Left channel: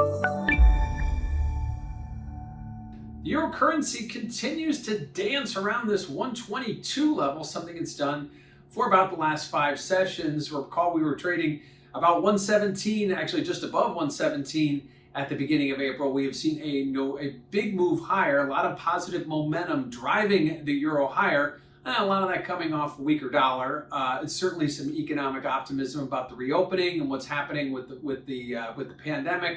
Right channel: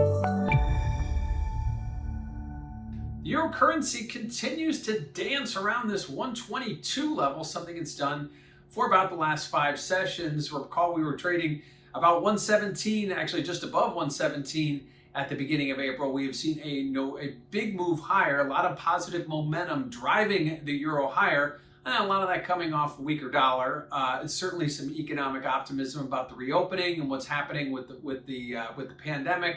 The euro currency continues to dance around this 122 level, something it's done for about the last 5 sessions. Recall we were trading about 117, actually just above 117 at the beginning of April. We have seen a big move higher, a lot of positive momentum driving the euro higher. A lot of that coming off a weaker dollar. Certainly some economic optimism about the reopening and what's happening with the pandemic.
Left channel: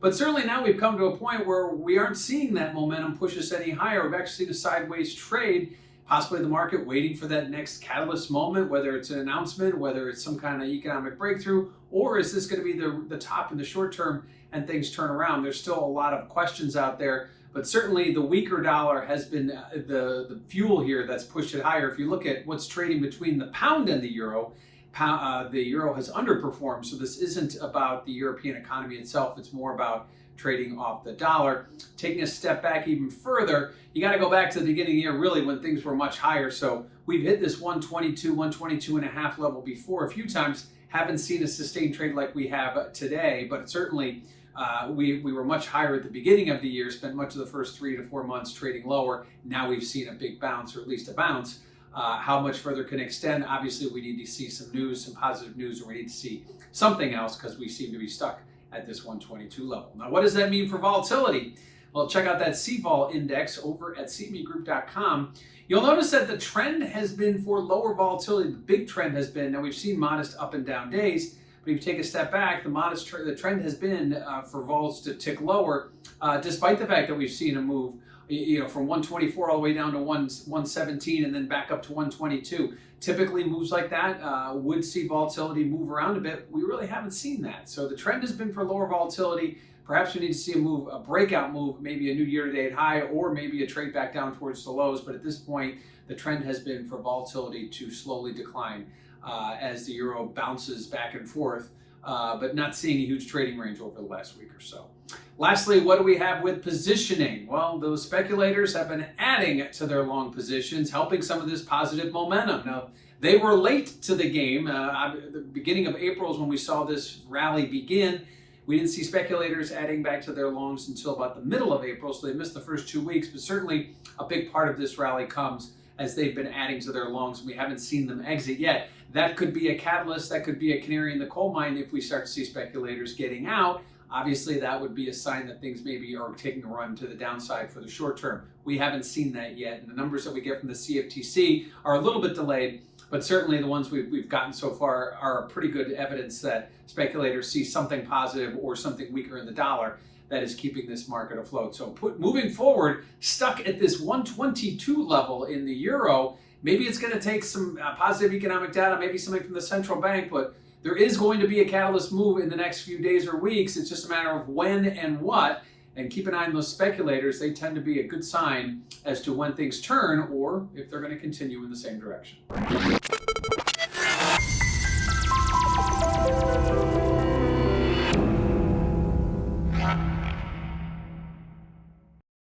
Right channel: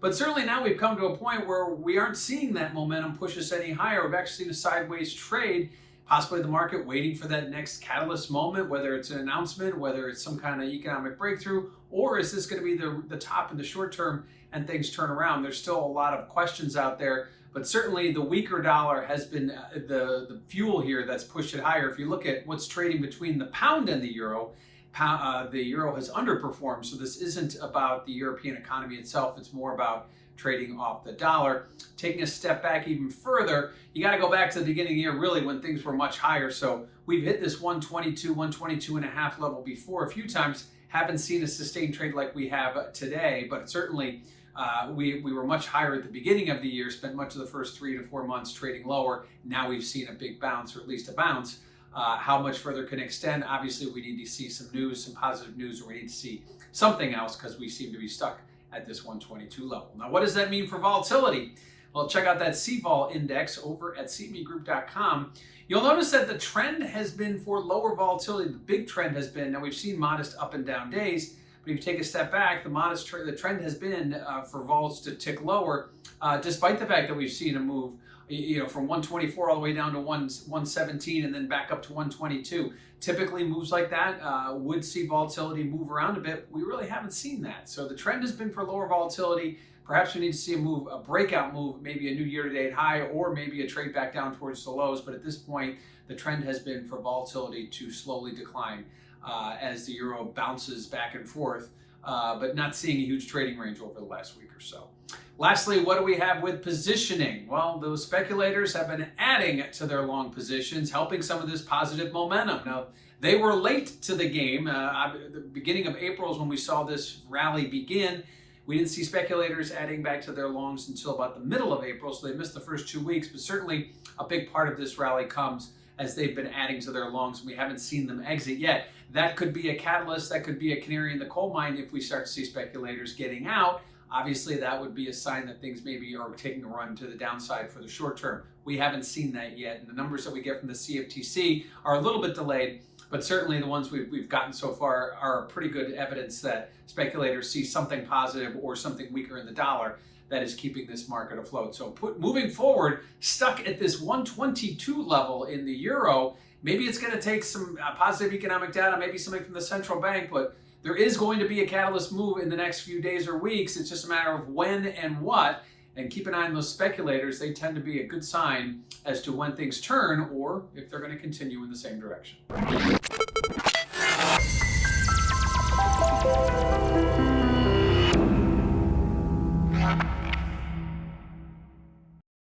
But certainly now we've come to a point where we aren't seeing that momentum push us any higher. We've actually seen a sideways trade, possibly the market waiting for that next catalyst moment, whether it's an announcement, whether it's some kind of economic breakthrough, or is this going to be the top in the short term and things turn around? There's still a lot of questions out there, but certainly the weaker dollar has been the fuel here that's pushed it higher. If you look at what's trading between the pound and the euro has underperformed. So this isn't about the European economy itself. It's more about trading off the dollar. Taking a step back even further, you got to go back to the beginning of the year, really, when things were much higher. So we've hit this 122 and a half level before a few times. Haven't seen a sustained trade like we have today, but certainly we were much higher at the beginning of the year, spent much of the first 3 to 4 months trading lower. Now we've seen a big bounce, or at least a bounce. How much further can extend? Obviously, we need to see some news, some positive news, or we need to see something else because we seem to be stuck at this 122 level. Now, what does that mean for volatility? Well, check out that CVol index over at cmegroup.com. You'll notice that the trend has been for lower volatility. The big trend has been, now we've seen modest up and down days, but if you take a step back, the trend has been for vols to tick lower, despite the fact that we've seen a move from 124 all the way down to 117 and then back up to 122. Typically moves like that would see volatility move around a bit. We really haven't seen that. So the trend has been for lower volatility. Perhaps we need to see a breakout move, maybe a new year-to-date high, or maybe a trade back down towards the lows. But at this point, the trend has been for volatility to slowly decline as the euro bounces back and forth, but not seeing a huge trading range over the last week or so. Lastly, what do we have with positioning? Well, those speculators have been adding to their long positions, helping some of this positive momentum. Now, they were late to the game. The beginning of April is when we saw this rally begin. We didn't see speculators adding back to their longs until about the middle of April, so they missed the first 2 weeks, but certainly a big part of this rally comes as they've been adding to their longs, and we haven't seen them exit yet. That could be a catalyst, that could be a canary in the coal mine if we start to see speculators getting out. Obviously, that would be a sign that things maybe are taking a run to the downside for the short term. We haven't seen that yet, and the numbers that we get from the CFTC are a little bit delayed, but certainly the ones we've gotten so far are pretty good evidence that speculators see something positive or something weaker in the dollar that is keeping this market afloat. So moving forward, stuck at this 122 level in the euro, maybe it's going to take some positive economic data, maybe something from the central bank, but there is going to be a catalyst move in the next few days or weeks. It's just a matter of when and what. And keep an eye on those speculators. They tend to be a good sign as to when things turn or if they're going to continue in the same direction.